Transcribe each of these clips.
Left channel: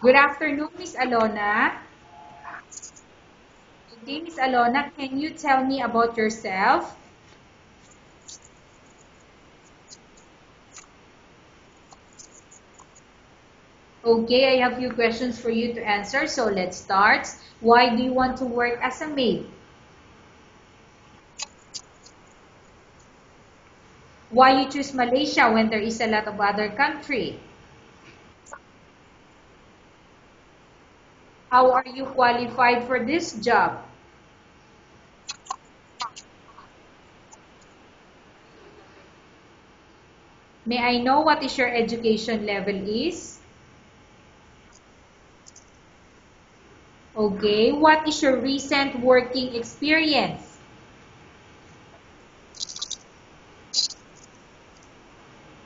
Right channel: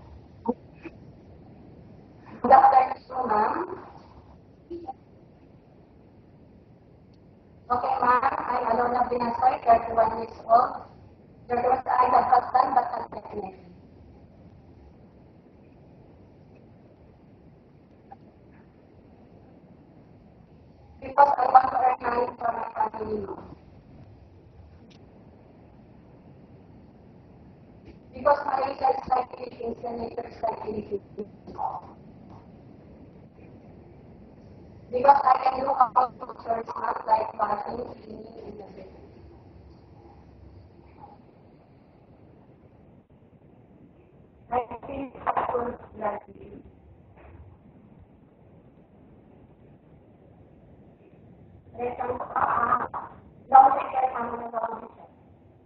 Good afternoon, Miss Alona. Good afternoon, ma'am. Okay, Miss Alona, can you tell me about yourself? Okay, ma'am. I'm Alona Binatoy, 31 years old. I have husband but not pregnant. Okay, I have few questions for you to answer, so let's start. Why do you want to work as a maid? Because I want to earn money for my family, ma'am. Why you choose Malaysia when there is a lot of other country? Because Malaysia is like Philippines and nature is like Philippines. How are you qualified for this job? Because I can do all cultures, not like Bali, Hindi, and everything. May I know what is your education level is? I think school graduate. Okay, what is your recent working experience? There's some, long care family.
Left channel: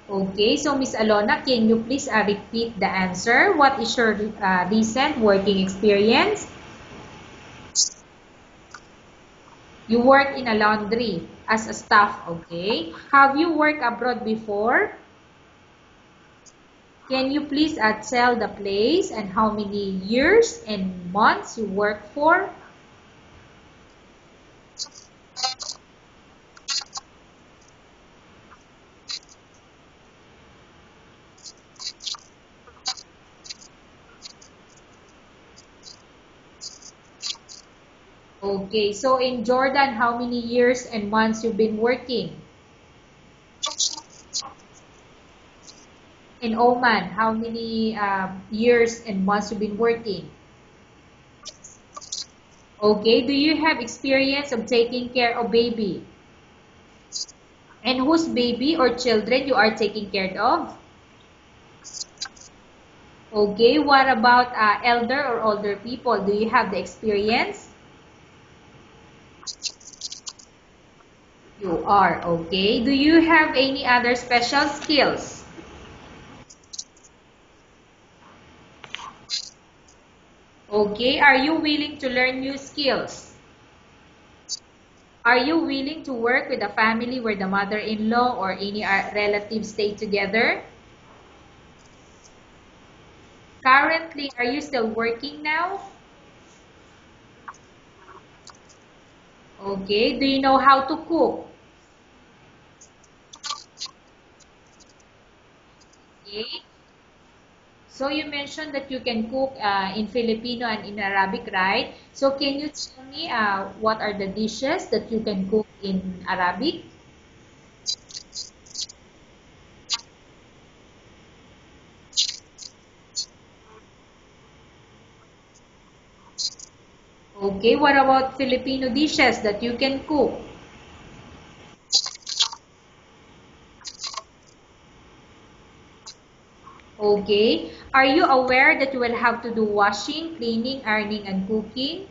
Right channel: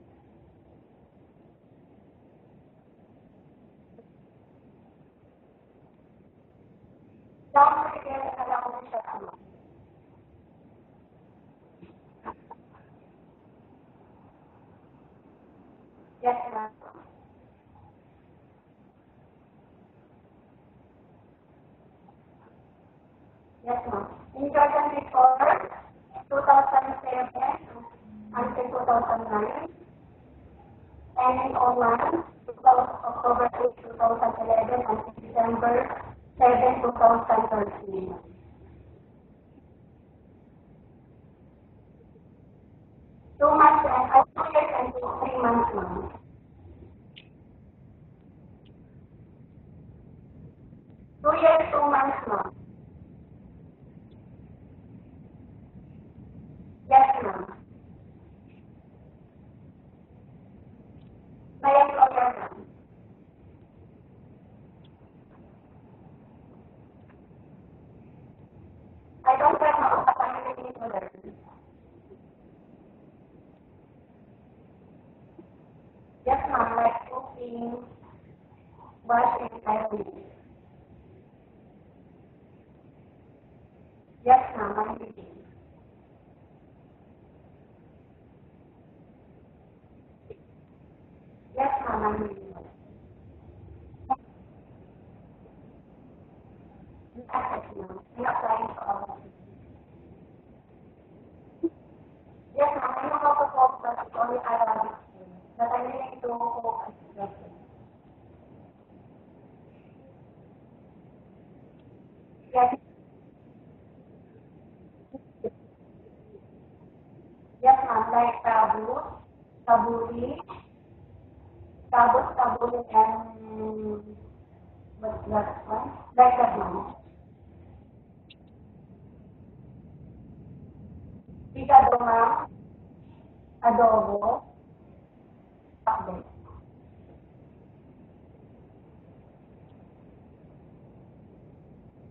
Okay, so Miss Alona, can you please repeat the answer? What is your recent working experience? Long care family. You work in a laundry as a staff, okay? Have you worked abroad before? Yes, ma'am. Can you please tell the place and how many years and months you work for? Yes, ma'am. In Jordan before 2007 until 2009, and in Oman, October 8, 2011 until December 7, 2013. Okay, so in Jordan, how many years and months you've been working? 2 months and 2 years and 3 months, ma'am. In Oman, how many years and months you've been working? 2 years, 2 months, ma'am. Okay, do you have experience of taking care of baby? Yes, ma'am. And whose baby or children you are taking care of? My employer, ma'am. Okay, what about elder or older people? Do you have the experience? I don't have a family member. You are, okay. Do you have any other special skills? Yes, ma'am, like cooking, washing, ironing. Okay, are you willing to learn new skills? Yes, ma'am. Are you willing to work with a family where the mother-in-law or any relatives stay together? Yes, ma'am. Currently, are you still working now? Yes, ma'am. I'm applying for all. Okay, do you know how to cook? Yes, ma'am. I know how to cook, but only Arabic. But I'm willing to Okay. cook. Yes, So you mentioned that you can cook in Filipino and in Arabic, right? So can you yes, tell me what are the dishes that you can cook in Arabic? yes, ma'am. Like tabu, tabuli, tabuli, and what's that one? Like that one. Okay, what about Filipino dishes that you can cook? Pisadong, adobo, pakbet. Okay, are you aware that you will have to do washing, cleaning, ironing, and cooking?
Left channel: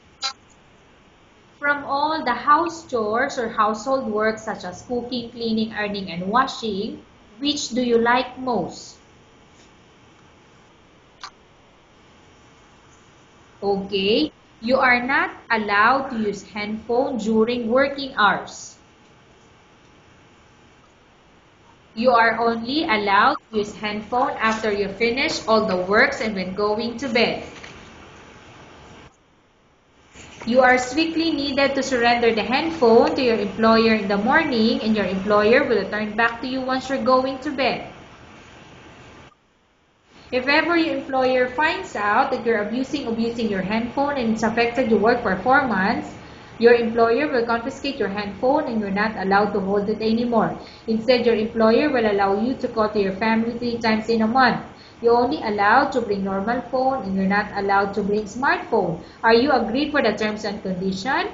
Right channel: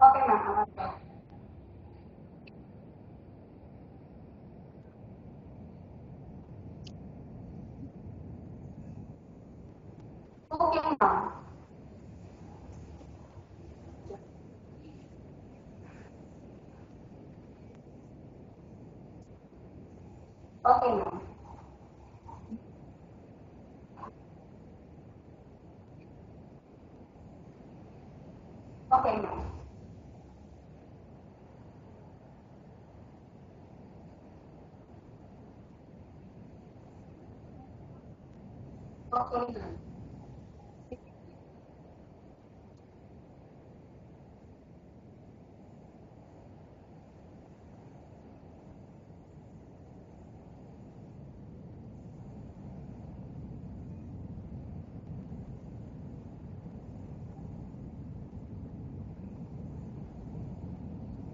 Okay, ma'am. Okay. From all the house chores or household work such as cooking, cleaning, ironing, and washing, which do you like most? Cooking, ma'am. Okay, you are not allowed to use handphone during working hours. Okay, ma'am. You are only allowed to use handphone after you finish all the works and when going to bed. Okay, ma'am. You are strictly needed to surrender the handphone to your employer in the morning and your employer will return back to you once you're going to bed. Okay, ma'am. If ever your employer finds out that you're abusing your handphone and it's affected your work performance, your employer will confiscate your handphone and you're not allowed to hold it anymore. Instead, your employer will allow you to call to your family 3 times in a month. You're only allowed to bring normal phone and you're not allowed to bring smartphone. Are you agreed for the terms and condition?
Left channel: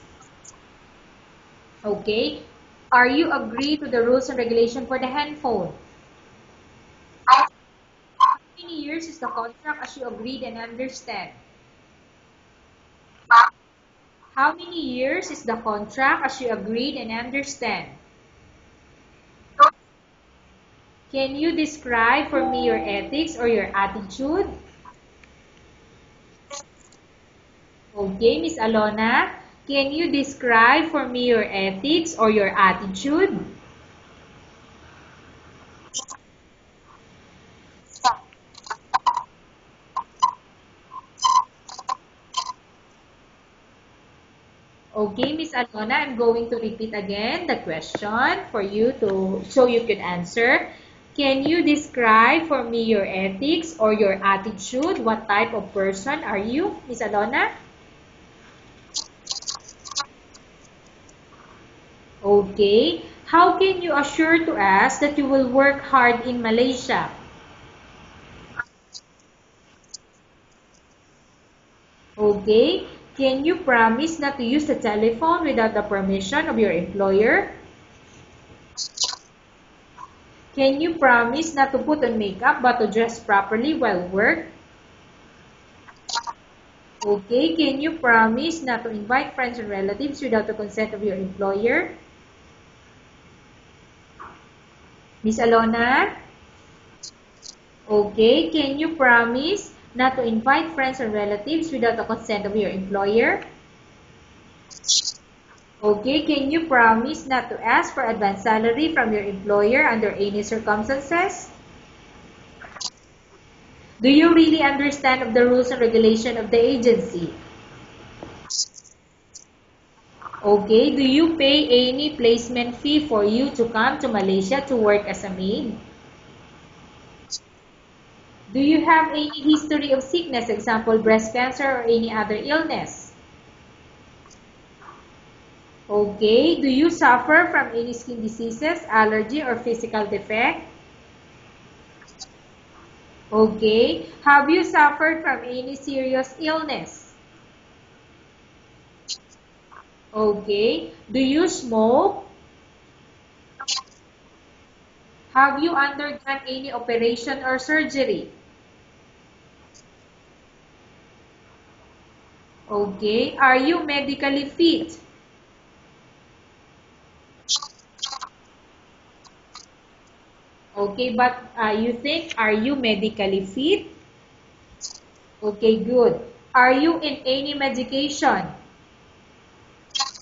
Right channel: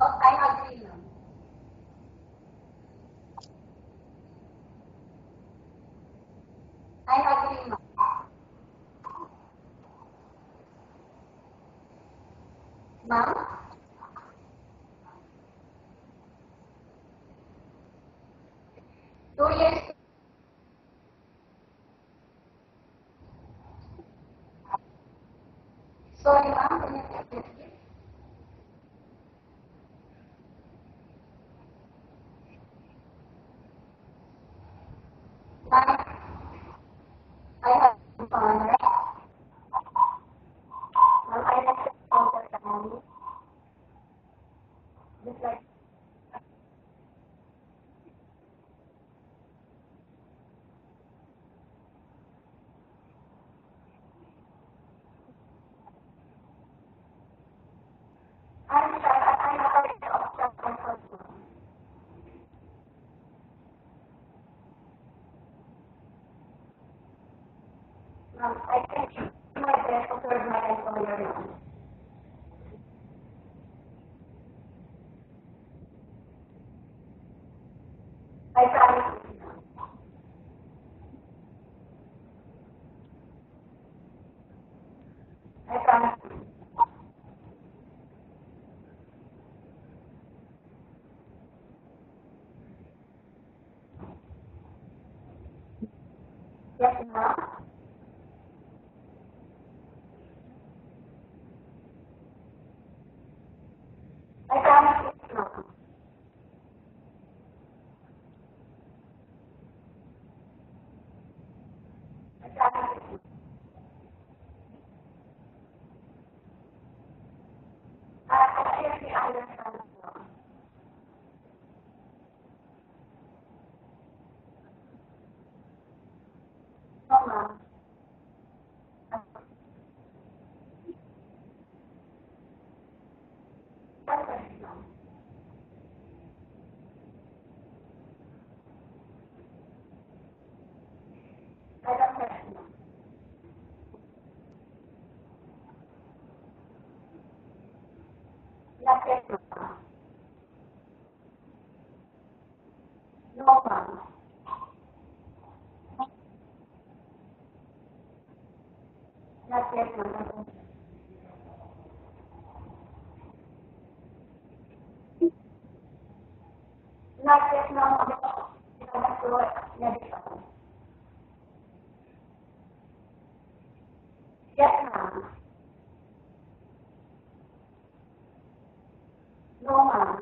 Oh, I agree, ma'am. Okay. Are you agreed to the rules and regulation for the handphone? I agree, ma'am. How many years is the contract as you agreed and understand? Ma'am, How many years is the contract as you agreed and understand? 2 years. Can you describe for me your ethics or your attitude? Sorry, ma'am. Can you repeat? Okay, Miss Alona, can you describe for me your ethics or your attitude? Ma'am, I have some Ma'am, I just contact. Okay, Miss Alona, I'm going to repeat again the question for you to so you can answer. Can you describe for me your ethics or your attitude? What type of person are you, Miss Alona? I'm Okay. How can you assure to us that you will work hard in Malaysia? I think my best to serve my employer. Okay. Can you promise not to use the telephone without the permission of your employer? I promise. Can you promise not to put on makeup but to dress properly while work? I promise. Okay. Can you promise not to invite friends and relatives without the consent of your employer? Miss Alona? Yes, ma'am. Okay. Can you promise not to invite friends and relatives without the consent of your employer? I promise. Okay. Can you promise not to ask for advance salary from your employer under any circumstances? I promise. Do you really understand of the rules and regulation of the agency? I clearly understand. Okay. Do you pay any placement fee for you to come to Malaysia to work as a maid? No, ma'am. Do you have any history of sickness, example breast cancer or any other illness? Yes, Okay. Do you suffer from any skin diseases, allergy, or physical defect? I don't have. Okay. Have you suffered from any serious illness? Not yet, ma'am. Okay. Do you smoke? No, ma'am. Have you undergone any operation or surgery? Not yet, ma'am. Okay. Are you medically fit? Not yet, ma'am. I have to work medical. Okay, but you think, are you medically fit? Yes, ma'am. Okay, good. Are you in any medication? No, ma'am.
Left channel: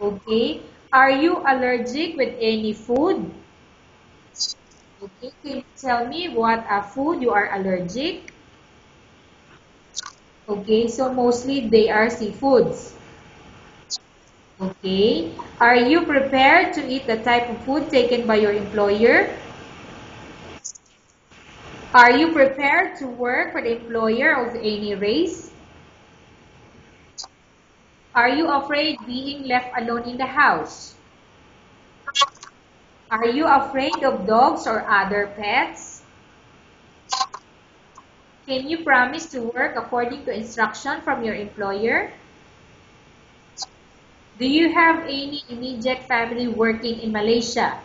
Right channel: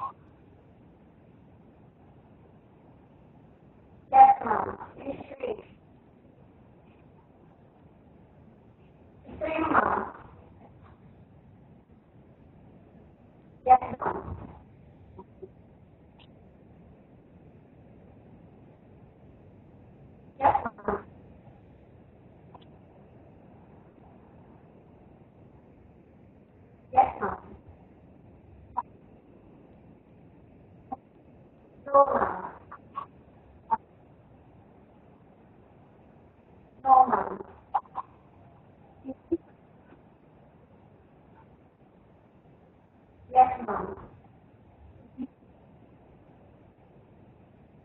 Okay. Are you allergic with any food? Yes, ma'am. Okay, can you tell me what food you are allergic? Three, ma'am. Okay, so mostly they are seafoods. Yes, ma'am. Okay. Are you prepared to eat the type of food taken by your employer? Yes, ma'am. Are you prepared to work for the employer of any race? Yes, ma'am. Are you afraid being left alone in the house? No, ma'am. Are you afraid of dogs or other pets? No, ma'am. Can you promise to work according to instruction from your employer? Yes, ma'am. Do you have any immediate family working in Malaysia?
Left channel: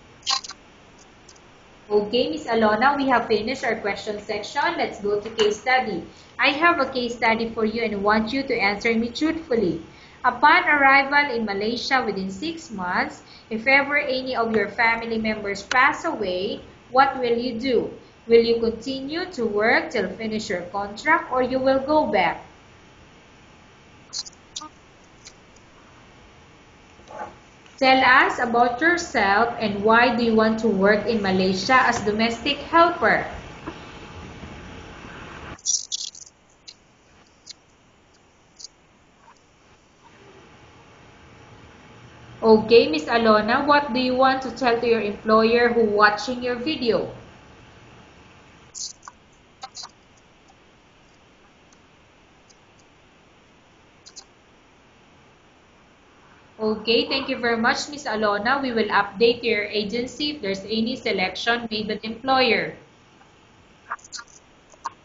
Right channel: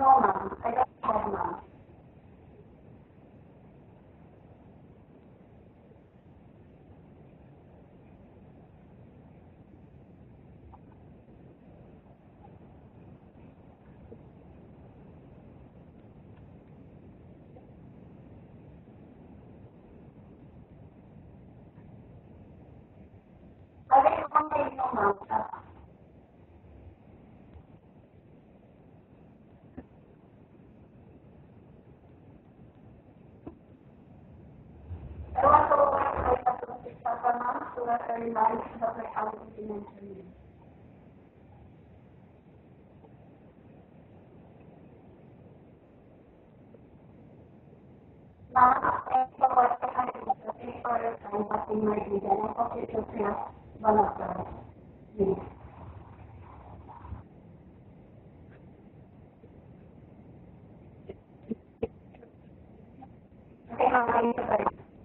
No, ma'am. I don't have, ma'am. Okay, Miss Alona, we have finished our question section. Let's go to case study. I have a case study for you and want you to answer me truthfully. Upon arrival in Malaysia within 6 months, if ever any of your family members pass away, what will you do? Will you continue to work till finish your contract or you will go back? I just want to know, ma'am. Tell us about yourself and why do you want to work in Malaysia as domestic helper? I want to work my statistics as a mom to work early life, but my family is Okay, Miss Alona, what do you want to tell to your employer who watching your video? ma'am, thanks for watching my video. Thanks for your time watching my video. I hope you took care of one of them. Okay, thank you very much, Miss Alona. We will update your agency if there's any selection made by the employer. Okay, ma'am. Thanks for